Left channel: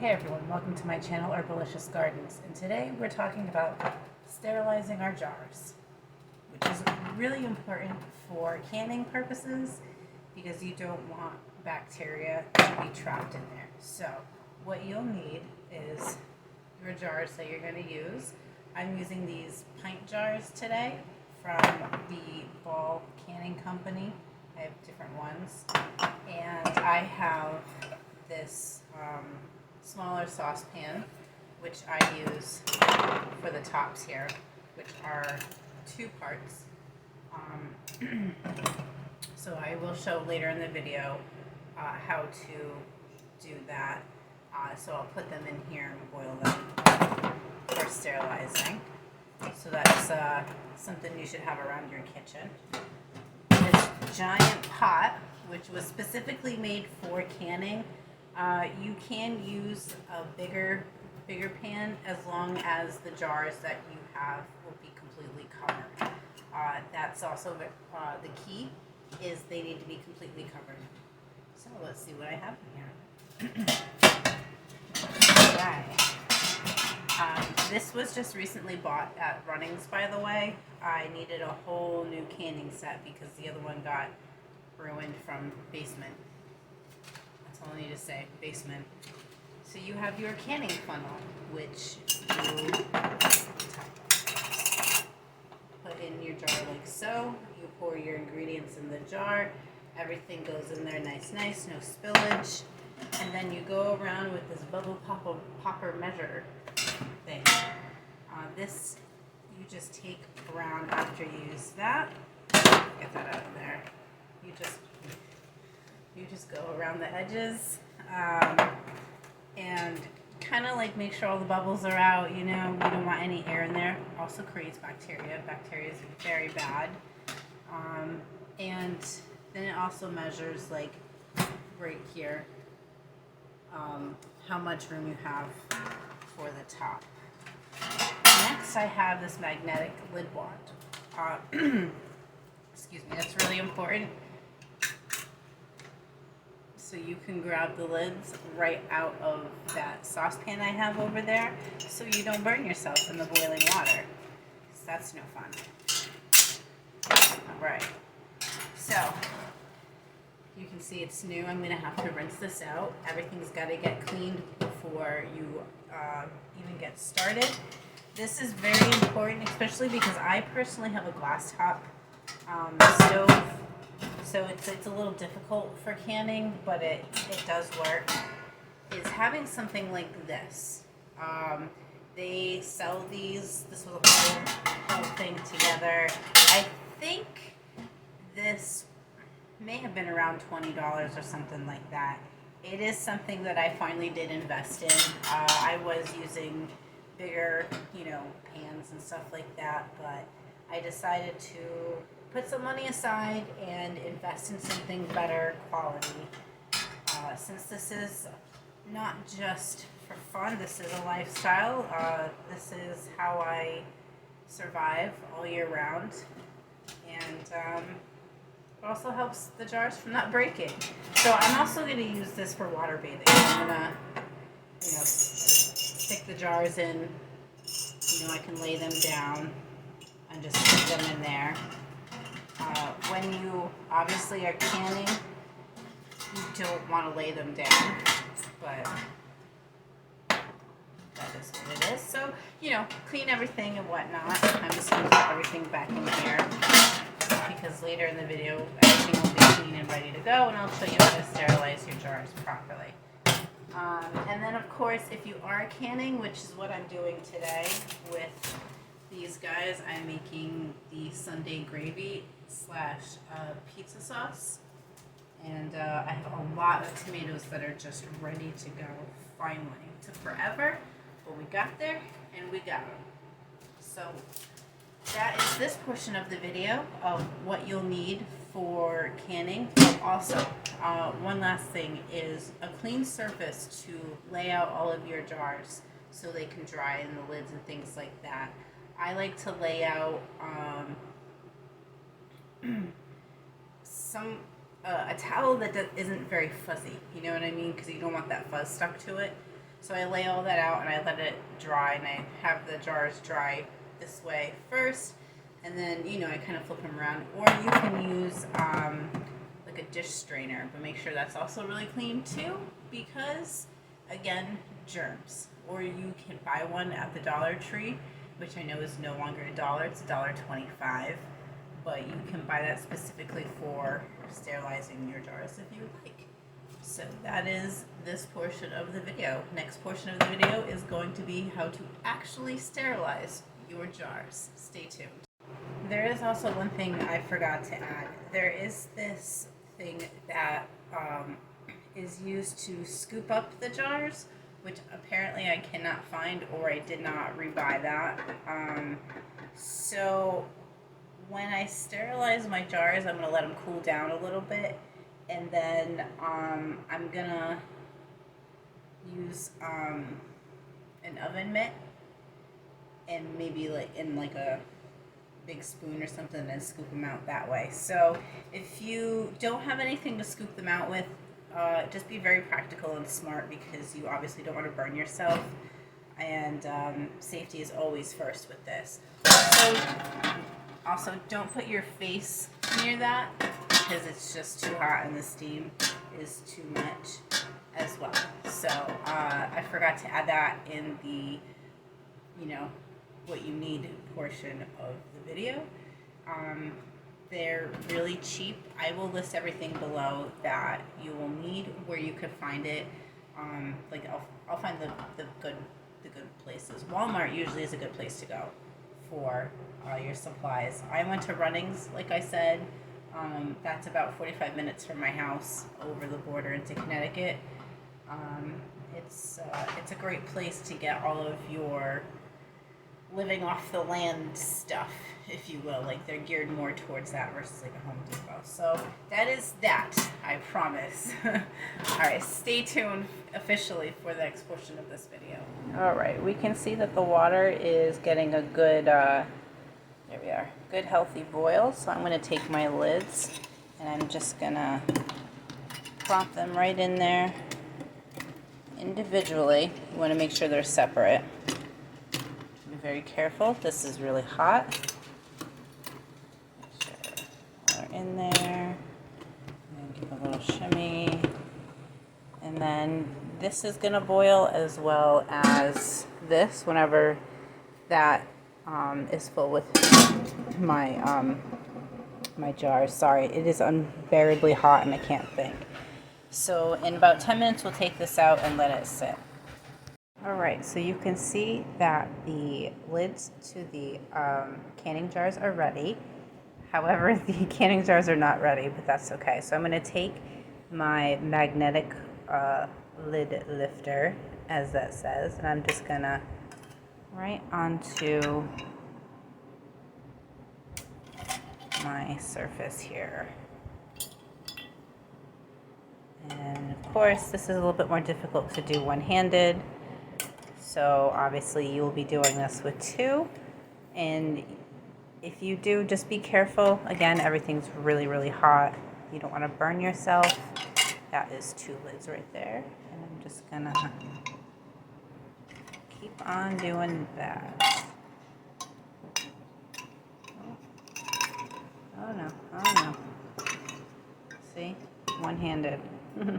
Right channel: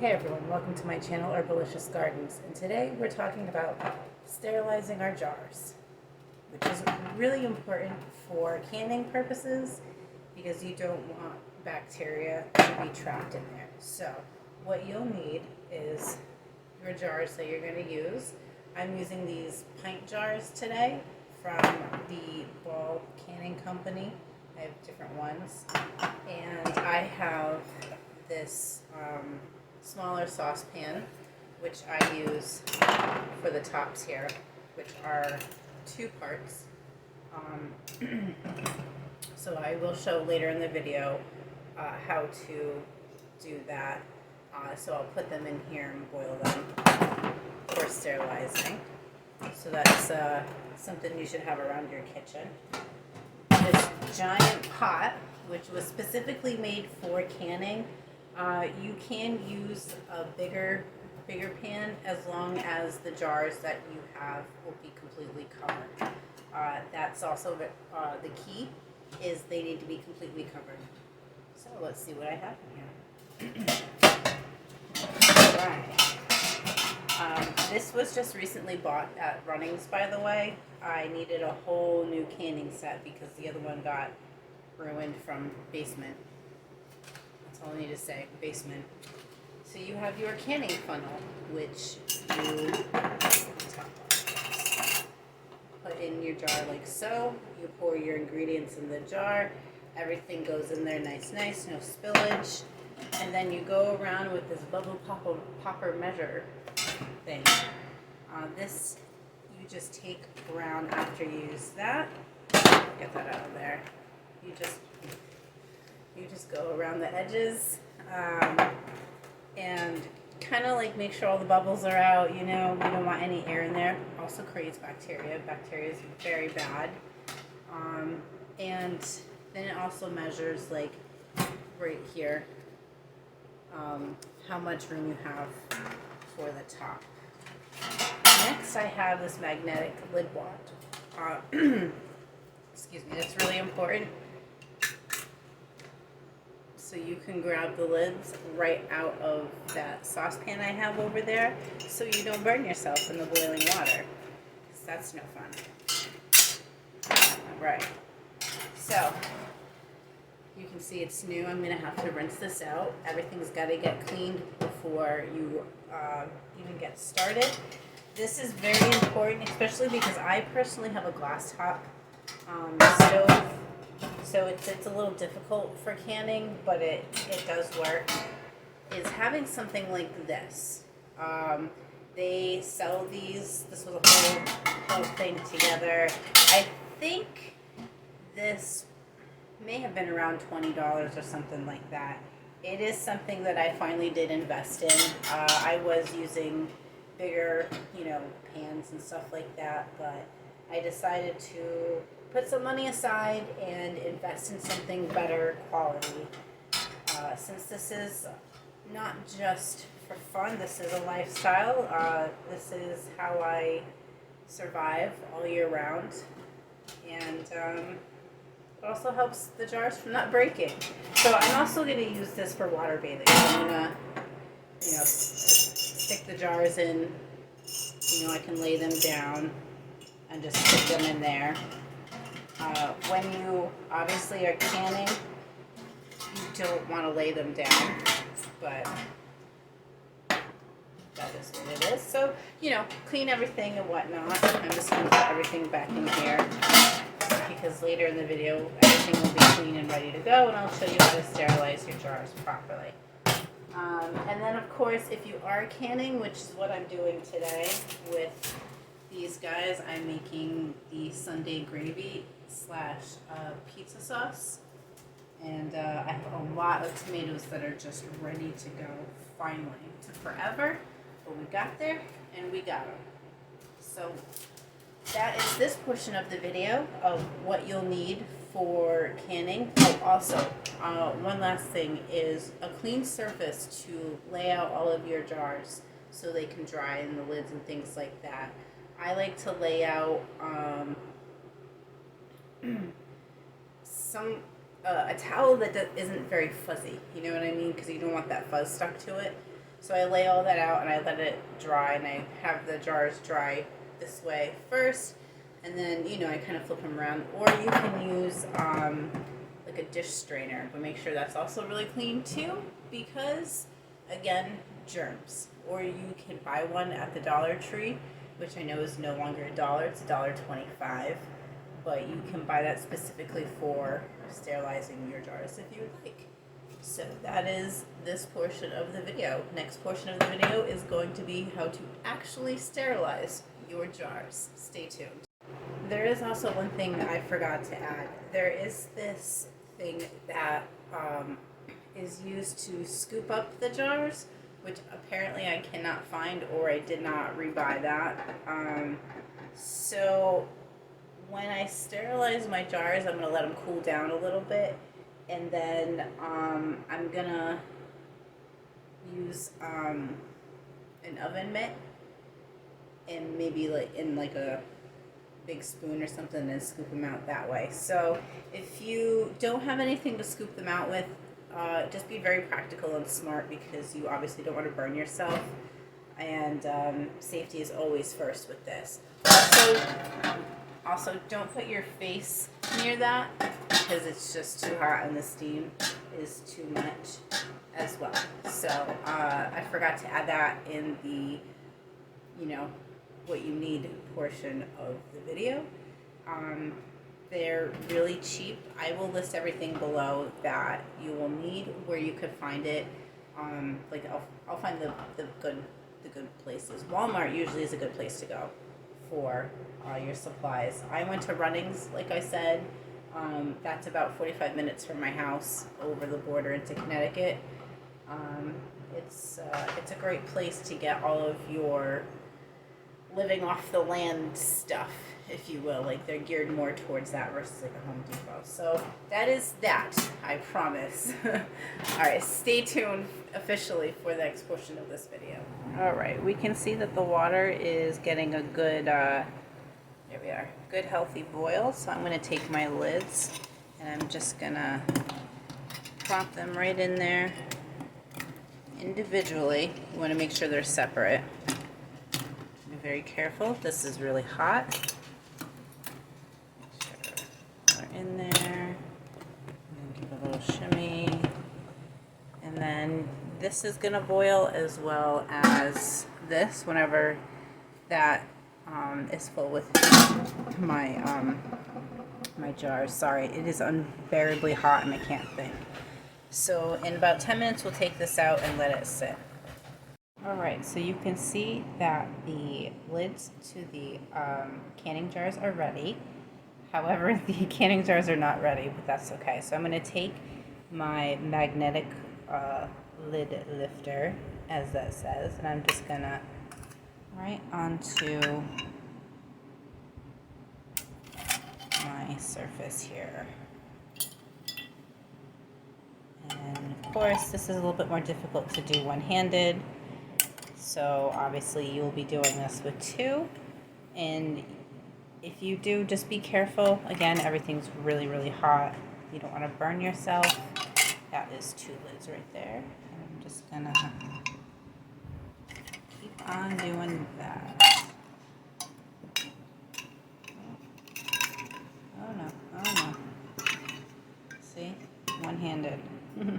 Hey everyone, welcome to my channel Herbalicious Gardens, and today we're talking about sterilizing our jars, which is really important for canning purposes because you don't want bacteria to be trapped in there. So what you'll need is your jars that you're going to use. I'm using these pint jars today from the Ball Canning Company. I have different ones, and I have this smaller saucepan, which I use for the tops here, which are two parts. So I will show later in the video how to do that. So I'll put them in here and boil them for sterilizing. So that's something you should have around your kitchen. This giant pot, which was specifically made for canning, you can use a bigger pan as long as the jars that you have will be completely covered. That's also the key, is they need to be completely covered. So let's see what I have in here. Alright. This was just recently bought at Runnings, by the way. I needed a whole new canning set because the other one got ruined from basement. That's all I need to say, basement. So you have your canning funnel, which you put in your jar like so. You pour your ingredients in the jar. Everything goes in there nice, no spillage. And then you go around with this bubble popper measure thing. This you just take around after you use that. Get that out of there. You just go around the edges and kind of like make sure all the bubbles are out. You know, we don't want any air in there. Also creates bacteria. Bacteria is very bad. And then it also measures like right here how much room you have for the top. Next, I have this magnetic lid wand. Excuse me, that's really important. So you can grab the lids right out of that saucepan I have over there so you don't burn yourself in the boiling water, because that's no fun. Alright, so you can see it's new. I'm going to have to rinse this out. Everything's got to get cleaned before you even get started. This is very important, especially because I personally have a glass top stove, so it's a little difficult for canning, but it does work. Is having something like this. They sell these. This was a whole thing together. I think this may have been around $20 or something like that. It is something that I finally did invest in. I was using bigger, pans and stuff like that, but I decided to put some money aside and invest in something better quality. Since this is not just for fun, this is a lifestyle. This is how I survive all year round, and it also helps the jars from not breaking. So I'm also going to use this for water bathing. I'm going to, stick the jars in. I can lay them down and just stick them in there. When you obviously are canning, you don't want to lay them down, but that is what it is. So, clean everything and whatnot. I'm just going to put everything back in here, because later in the video, everything will be clean and ready to go, and I'll show you how to sterilize your jars properly. And then, of course, if you are canning, which is what I'm doing today with these guys, I'm making the Sunday gravy / pizza sauce. And I have a lot of tomatoes that are just ready to go finally. It took forever, but we got there, and we got them. So that is this portion of the video of what you'll need for canning. Oh, also, one last thing is a clean surface to lay out all of your jars so they can dry in the lids and things like that. I like to lay out a towel that isn't very fuzzy, you know what I mean? Because you don't want that fuzz stuck to it. So I lay all that out and I let it dry, and I have the jars dry this way first, and then, you know, I kind of flip them around. Or you can use like a dish strainer, but make sure that's also really clean too, because again, germs. Or you can buy one at the Dollar Tree, which I know is no longer $1, it's $1.25, but you can buy that specifically for sterilizing your jars if you would like. So that is this portion of the video. Next portion of the video is going to be how to actually sterilize your jars. Stay tuned. There is also one thing I forgot to add. There is this thing that is used to scoop up the jars, which apparently I cannot find, or I did not rebuy that. So when I sterilize my jars, I'm going to let them cool down a little bit, and then I'm going to use an oven mitt, and maybe like in like a big spoon or something, and scoop them out that way. So if you don't have anything to scoop them out with, just be very practical and smart, because you obviously don't want to burn yourself, and safety is always first with this. Also, don't put your face near that, because it's just too hot and the steam is too much as well. So I forgot to add that in the, you know, what you need portion of the video. They're really cheap. I will list everything below that you will need, where you could find it. Like I'll find the good places. Walmart usually is a good place to go for your supplies. I went to Runnings, like I said. That's about 45 minutes from my house over the border into Connecticut. It's a great place to get all of your living off the land stuff, if you will. Like, they're geared more towards that versus like a Home Depot. So that is that, I promise. Alright, stay tuned officially for the next portion of this video. Alright, we can see that the water is getting a good, there we are, good healthy boil. So I'm going to take my lids and I'm just going to plop them right in there individually. You want to make sure they're separate. Be very careful. This is really hot. In there, and give a little shimmy, and then this is gonna boil as well as this whenever that is full with my my jars. Sorry, it is unbearably hot and I can't think. So in about 10 minutes we'll take this out and let it sit. Alright, so you can see that the lids to the canning jars are ready. However, the canning jars are not ready, but that's okay. So I'm going to take my magnetic lid lifter, as that says, and I'm just going to right onto my surface here. And of course, this is a little bit more difficult to do one-handed. So obviously you will be doing this with two, and if you do, just be careful. Again, everything's really, really hot. You don't want to burn yourself. That is two lids right there. And I'm just gonna keep on doing that. Oh no, oh no. See? One-handed. Okay.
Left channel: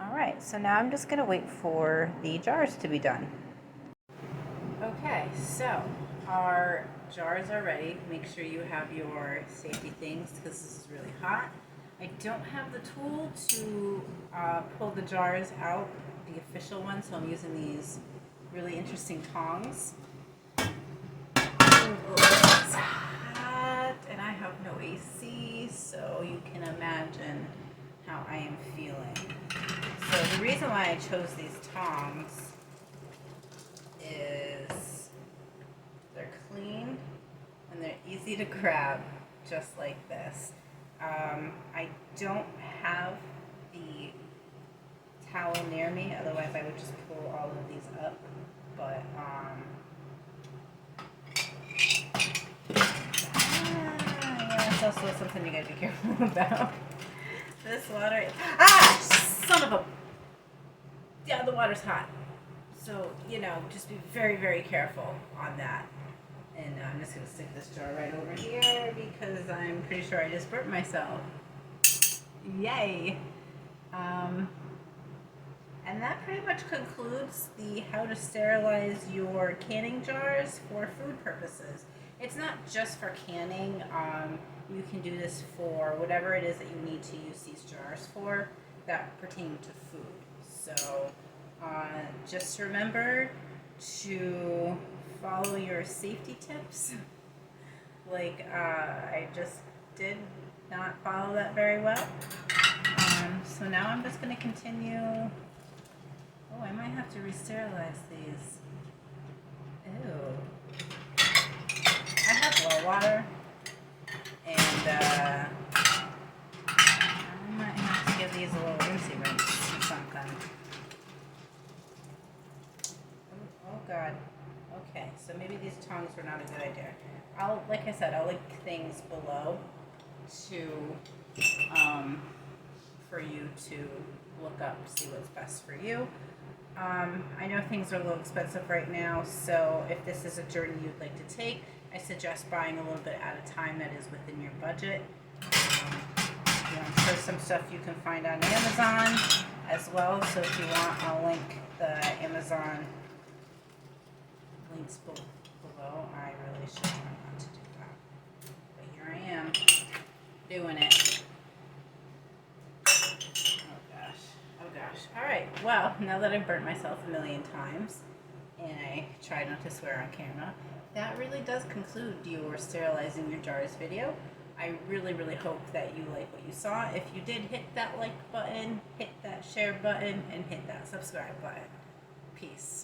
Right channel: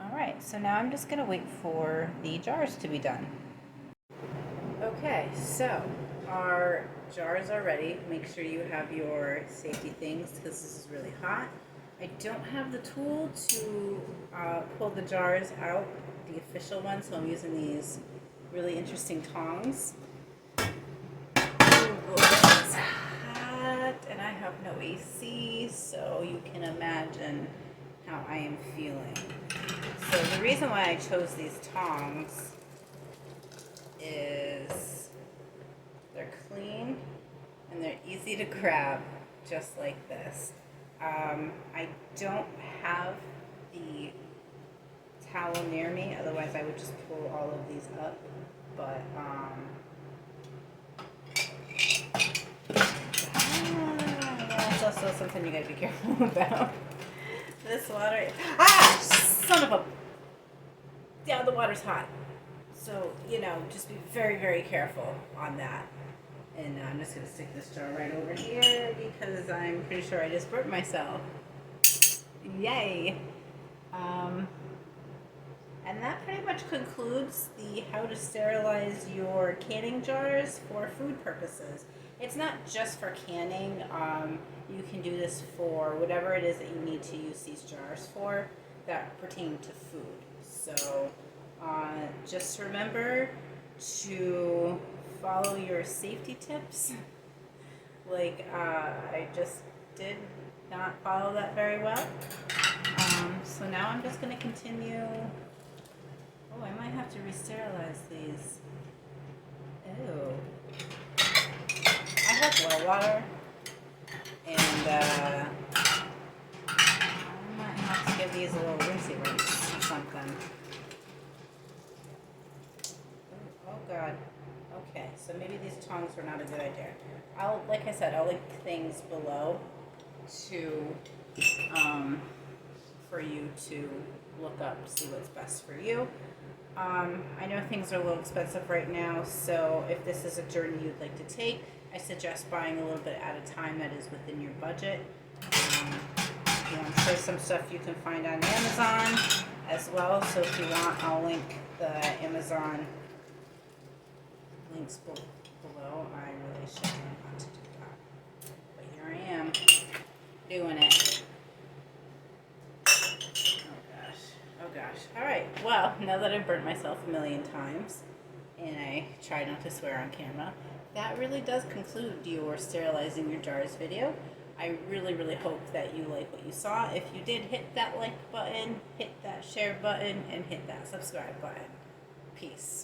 Alright, so now I'm just gonna wait for the jars to be done. Okay, so our jars are ready. Make sure you have your safety things, because this is really hot. I don't have the tool to pull the jars out, the official one, so I'm using these really interesting tongs. Ooh, it's hot, and I have no AC, so you can imagine how I am feeling. So the reason why I chose these tongs is they're clean and they're easy to grab, just like this. I don't have the towel near me, otherwise I would just pull all of these up, but yeah, it's also something you gotta be careful about. This water, son of a the water's hot. So, you know, just be very, very careful on that. And I'm just going to stick this jar right over here because I'm pretty sure I just burnt myself. Yay! And that pretty much concludes the how to sterilize your canning jars for food purposes. It's not just for canning. You can do this for whatever it is that you need to use these jars for that pertain to food. So just remember to follow your safety tips. Like I just did not follow that very well. So now I'm just going to continue. Oh, I might have to re-sterilize these. Ew. I have well water, and I might have to give these a little rinsey rinse or something. Oh God. Okay, so maybe these tongs were not a good idea. Like I said, I'll link things below to for you to look up, see what's best for you. I know things are a little expensive right now, so if this is a journey you'd like to take, I suggest buying a little bit at a time that is within your budget. You know, I'm sure some stuff you can find on Amazon as well, so if you want, I'll link the Amazon links below. I really should learn how to do that, but here I am doing it. Alright, well, now that I've burnt myself a million times, and I try not to swear on camera, that really does conclude your sterilizing your jars video. I really, really hope that you like what you saw. If you did, hit that like button, hit that share button, and hit that subscribe button. Peace.